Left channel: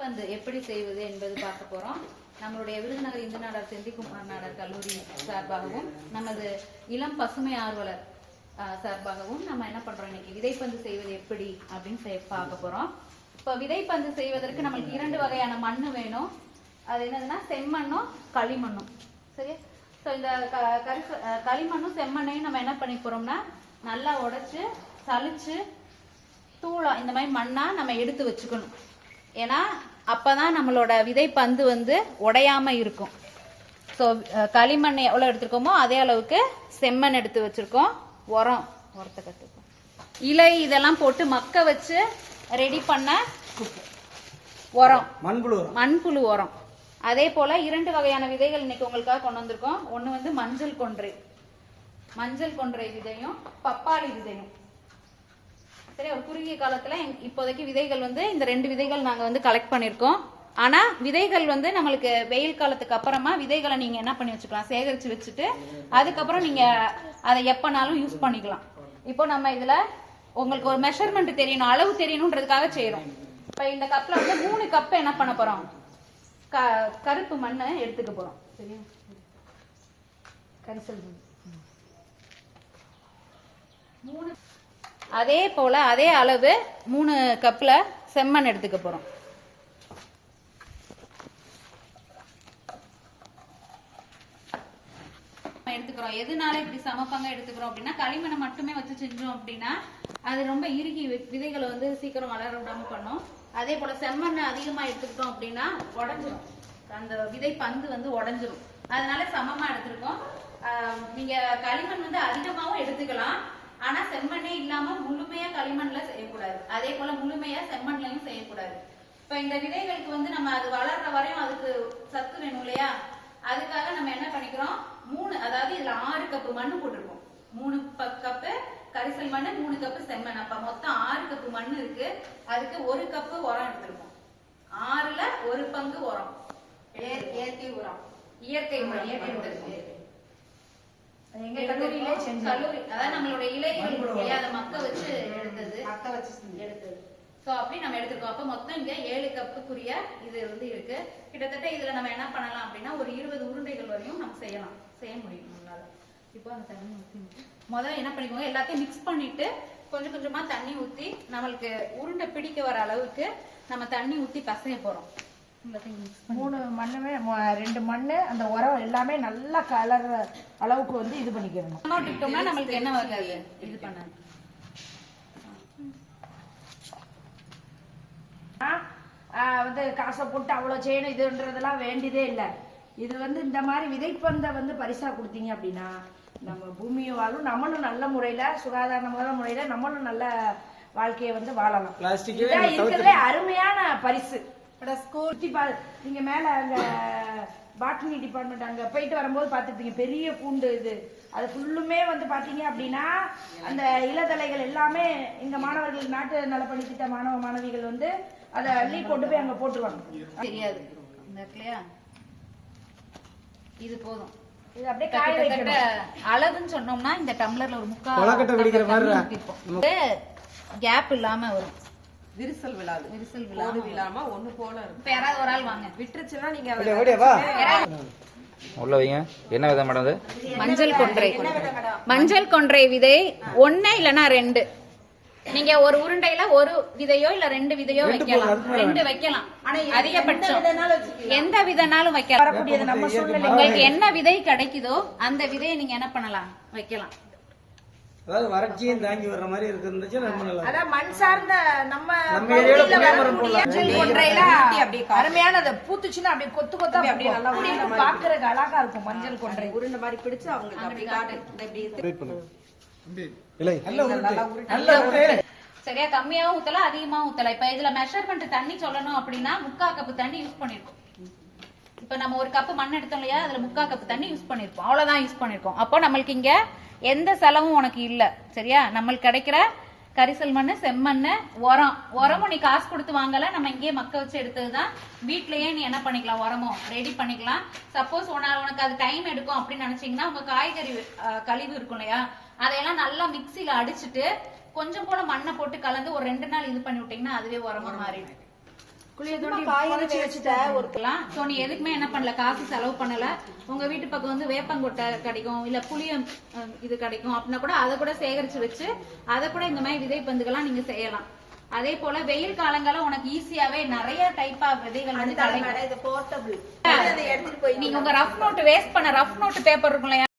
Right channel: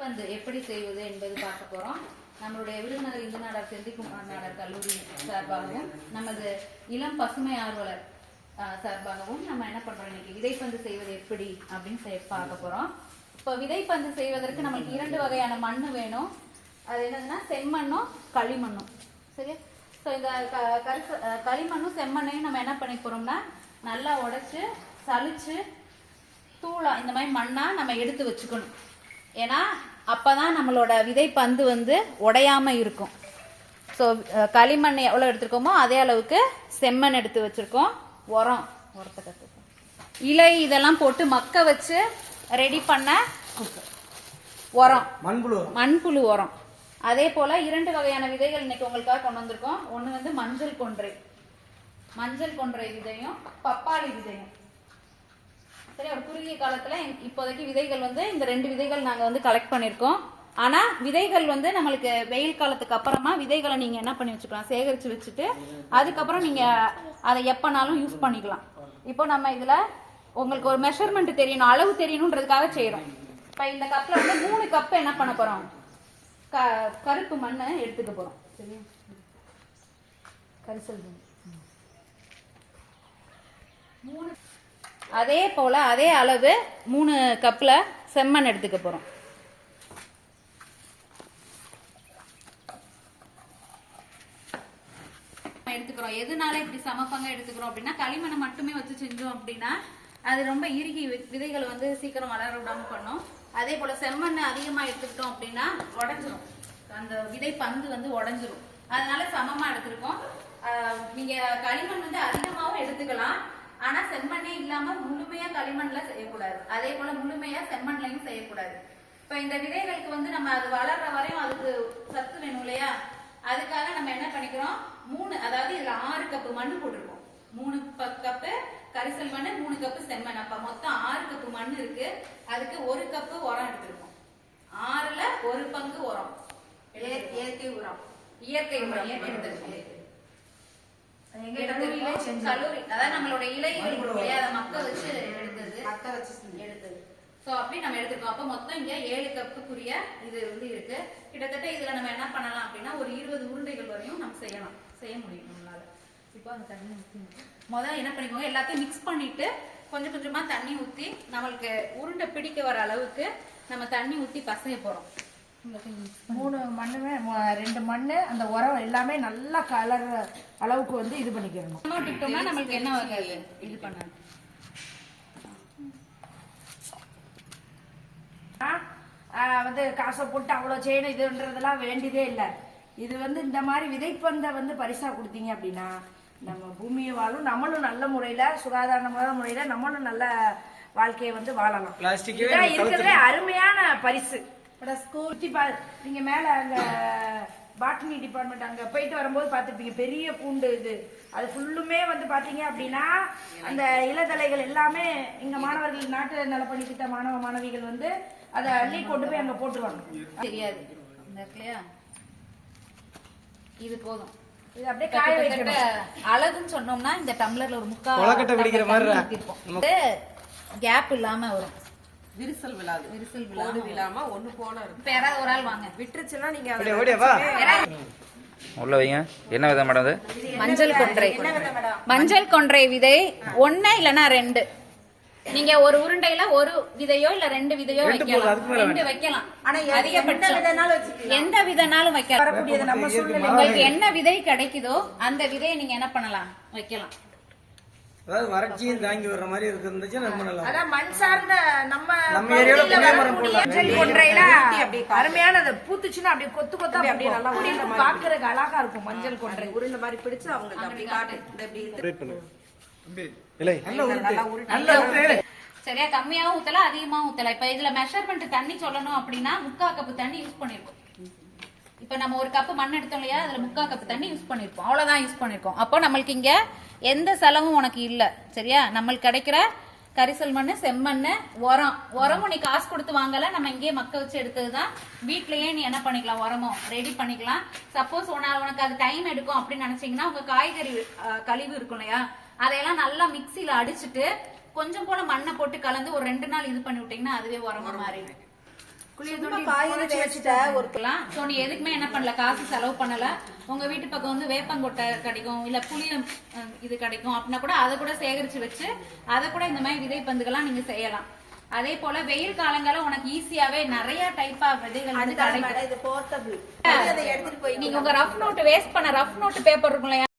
பந்து எப்படி செய்வது என்பது பார்க்க போறோம். நம்மளுடைய விருதுநகர் இந்து நாடார் செந்திக்குமார் நாடார் கல்லூரி சார்பாகவும் நமது இளம் பசுமை ஆர்வலர் சார்பாகவும் நம்ம என்ன பண்றோம் இன்னைக்கு? விதைப்பந்து செய்வது எப்படி அப்படின்னு செய்- பார்க்க போறோம். இப்போ விதைப்பந்து செய்வதற்கு நம்மளுக்கு இரண்டு வகையான மண்ணு வேணும். அது என்னதுன்னா செம்மண்ணும் களிமண்ணும். சரியா? ஸோ இந்த க- கரிச களிமண்ணும் செம்மண்ணையும் நம்ம என்ன பண்ணி போறோம்னா நல்லா உடைச்சு சளிச்சு தூளா இந்த மாதிரி மண்ணா நம்ம எடுத்து வச்சுக்கணும். ஏன்னா அப்பதான் நம்மளோட விதை பந்து வந்து உடையாம இருக்கும். ஸோ களிமண் எவ்வளோ எடுத்திருக்கோமோ அதே அளவுக்கு செம்மண் எடுத்து வச்சிருக்கோம். உரம் உரத்தை கற்றுக்கோம் இலை இதெல்லாம் போட்டு மக்க வச்சு ரெடி பண்ண உரம். மண்புழு. மண்புழு உரம். அதே போல இரண்டு வகையான விதைகள் இன்னைக்கு உங்களுக்காக கொண்டு வந்திருக்கோம். ஒன்று வந்து மஞ்சள் கொன்றை. மஞ்சள் கொன்றை விதையும் பப்பாளி விதையும். சரி ஒரு குறுகிய காலத்துல இப்போதைக்கு விதைகள் வந்து இந்த ரெண்டு விதைகள் நாங்க வந்து கலெக்ட் பண்ணிருக்கோம். ஆனா விதைகள் வந்து நம்மளுக்கு வெயில் காலத்துக்கு அப்புறமா விதைகளை நீங்க என்ன பண்ணி வச்சுக்கலாம்? சேகரிச்சு வச்சுட்டு அதுக்கப்புறம் நீங்க அதை எப்பனாலும் யூஸ் பண்ணிக்கலாம். இப்போ நம்ம இதுல உங்களுக்கு ஒரு மெஷர்மெண்ட் தெரியணும் அளவு தெரியணுன்றதுக்காக செய்யறோம் இப்ப இந்த கப்ல வந்து மூணு கப் என்ன பண்ண போறோம்? க- கருப்பு மண்ணை எடுத்துக்க போறோம். சரியா? கரிசல் மூணு அதே போல அதே அளவு மூணு கப்ல செம்மண் எடுத்துக்க போறோம். நம்ம எடுத்துக்கிறோம் எதனால இப்படி சமப்பாங்க எடுத்துக்கிறோம் அப்படின்னா களிமண்ணை மட்டுமே வச்சு செஞ்சோம் அப்படின்னா அது ரொம்ப இறுகி வி- விதைகளை வந்து சீக்கிரம் வளர விடாம பண்ணும். அதே போல செம்மண்ணை அதிகமா எடுத்துக்கிட்டோம் அப்படின்னா உடஞ்சிரும். அந்த விதை பந்து வந்து உடஞ்சிரும். அதனால சமமா எடுத்திருக்கோம். நீங்க களிமண் வந்து அதிகமாகவும் எடுத்துக்கலாம். ஆனா செம்மண்ணே இல்லாம முழுமையா களிமண்ல செய்யக்கூடாது. அதே போல முழுமையா செம்மண்லையும் செய்யக்கூடாது. இப்ப இந்த விதைகளுக்கு வந்து நம்ம அது வளர்ற வரையும் அதுக்கு சத்து வேணும் இல்லையா? அதுக்காக நம்ம என்ன பண்ணிக்கிறோம்? மூணு அதாவது இதுல ஆறு கப்பு மண்ணு போட்டிருக்கோம். மூணு கப்பு கரிசல் மண்ணு மூணு கப்பு செம்மண். அப்ப மொத்தம் ஆறு கப்பு மண் இருக்கு. அதுக்கு ஒரு கப்பு உரம் எடுத்திருக்கோம். ஆறுல ஒரு பங்கு உரம். இயற்கை உரம். இயற்கை உரம் எடுத்திருக்கோம். கல்லூரி அதாவது நம்மளோட இலைகள் இல்லையா, அதை மக்க வச்சு எடுத்தது. மக்க வச்சு. எடுத்தது. சோ அப்படி நம்ம எடுத்துருக்கோம் அப்ப மொத்தம் இங்க ஏழு கப்புக்குரிய இது வந்து இருக்கு. கிட்டத்தட்ட இதுல நம்ம என்ன பண்ணலாம் அப்படின்னா ஒரு இருபது உருண்டைகள் வரையும் நம்ம செய்யலாம். செய்ய முடியும் நம்மளால. இப்போ அந்த தண்ணி ஊத்தி முதல்ல என்ன பண்ணிக்கோங்க எல்லாத்தையும் மிக்ஸ் பண்ணிட்டு கொஞ்சம் கொஞ்சமா தண்ணி ஊத்தி நம்மளுக்கு உருண்டை பிடிக்க வர அளவுக்கு நம்ம தண்ணி ஊத்தி பசங்க போறோம். மூணு மண்ணுமே ரெண்டு மண்ணு அந்த உரம் எல்லாமே நல்லா கலர் அளவுக்கு வந்து இது பண்ணிக்கிறணும் விட்டோம்னா நம்மளுக்கு என்ன வராது இது பண்ணாது ஆ, வந்து காசை போட்டு அவ்வளோ செய்யணும் இதுன்றதெல்லாம் வேண்டியதே இல்லை. இது வந்து இந்த மாதிரி விதைப்பந்தை வந்து பரிசா கொடுத்தீங்க அப்படின்னா நம்ம பூமியை வாழும் நம்மளும் நல்ல முறையில சுகாதாரமான முறையில நம்மளும் நல்ல வாழ்க்கையை வந்து வாழலாம். இருக்கிறதுலே அருமையான பரிசு. ஸ்கூல் நீங்க மேல அங்க பாட்டனி டிபார்ட்மெண்ட் அங்க போயிட்டு வரும்போது பார்த்திருப்பீங்க. பெரிய கூண்டு இது. அது ஃபுல்லுமே வந்து பாத்தீங்க அப்படின்னா அந்த இளதலைகள் எல்லாமே எங்க மாணவர்கள் நாட்டு நலப்பணி திட்ட மாணவ மாணவிகள் வந்து அதை அள்ளி கொண்டு போய் அங்க போட்டுருவாங்க. தெரியாது. இது போதும். இது அப்படியே காய வைக்கணும். அளவுன்னு சொன்னோம்னா இந்த டம்ளர்ல ஒரு முக்கா கொலக்கட்டை பிடிக்கிற மாதிரி தண்ணி ஊத்திருப்போம். இது கேப் இல்லாம வரும். விரிசல் விழாது. விரிசல் கோடு விழாம ஒண்ணு போல இருக்கும். இப்ப யாராவது ஒரு ஆள் வாங்க. விட்டுருச்சுன்னா நீங்க ஓடியா ஓடியா வா. உள்ள வைங்க. என்ன விதம் மேடம் அது? மஞ்சள் கொன்றை. மஞ்சள். கொன்றை விதை. ஒண்ணு இல்லனா ரெண்டு. நீங்க ஒரு உருண்டையில ஒரு விதையோ இல்ல ரெண்டு விதையோ வைக்கலாம். ரெண்டு வைக்கலாம். அதிகபட்சம். எந்த விதனாலும் வைக்கலாம். வரக்கூடியது நம்ம சூழ்நிலை உங்களுக்கு என்ன விதை கிடைக்குதோ அந்த விதையை நீங்க என்ன பண்ணலாம்? வைக்கலாம். அதாவது வறட்சியும் தாங்கி வர்ற மாதிரி இருந்துச்சு நம்ம நல்லா அதான் மண் சார்ந்த நம்ம ஏரியால போடலாம். அருமையான அது பூத்துச்சுன்னா அப்படியே கொத்து கொத்தா அப்படியே நல்லா பாக்குறதுக்கு அழகா இருக்கும் மஞ்சள் கொன்றை. உருண்டை மாதிரி பிடிச்சு அவங்களுக்கு அப்படி காட்டு. இந்த இப்படி இது. வெயிட் பண்ணு இல்லை. நல்ல உருட்டு. நல்லா உருட்டு. சரியா கம்மியாவும் ஊத்தலாம் அதிகமாவும் ஊத்தலாம் இப்ப இதுல மெஷர்மெண்ட் தண்ணி சொல்லணும் அப்படின்னா முக்கா கப்பு தண்ணி யூஸ் பண்ணிருக்கோம். நம்ம ஒரு கப்பு மண் எடுத்தோம் இல்லையா? அதுல முக்கா கப்பு தண்ணி யூஸ் பண்ணிருப்போம். அவ்வளவுதான் யூஸ் பண்ணிருக்கோம். அப்போ நம்மளுக்கு இங்க எந்த செலவும் உனக்கு இல்ல. சரியா? நம்மளுக்கு கிடைக்கிற கரிசல் மண் செம்மண் உரம். உரமும் நீ காசு கொடுத்து வாங்கல. நம்ம இங்கேயே மக்க வச்சு எடுத்ததுதான். வீட்லயே நீ என்ன பண்ணிக்கலாம்? உரமும் ரெடி பண்ணிக்கலாம். சப்போஸ் உனக்கு அது டைம் எடுக்கும் அப்படின்னு நினைச்சீங்கன்னா உங்க காய்கறி கழிவு இருக்கும் இல்லையா? அதையெல்லாம் நல்லா மிக்சியில அடிச்சுட்டு கொஞ்சம் கூட மண்ணை போட்டு கலந்து ஒரு ரெண்டு நாள் இது பண்ணி விட்டீங்கன்னா அதுவே உரமா மாறிடும். ஸோ நீ எதுக்குமே என்ன பண்ணல? காசு செலவு பண்ணல. உங்க வீட்டு பக்கம் வந்து வேப்பங்கொட்டை கிடைக்கும் இல்ல புளியம் இது கிடைக்கும் அப்படின்னா கூட அதை கூட சேகரிச்சு வச்சு அதை கூட இந்த மாதிரி விதை பந்துகள்லாம் நீங்க செய்யலாம். அதே போல வெயில் காலங்கள்ல உனக்கு ஈஸியாவே நிறைய டைப்பா விதைகள் வந்து கிடைக்கும். நீங்க உங்க ரஃப் நோட் வேஸ்ட் பண்ண ரஃப் நோட் பேப்பர் இருக்கும் இல்லையா?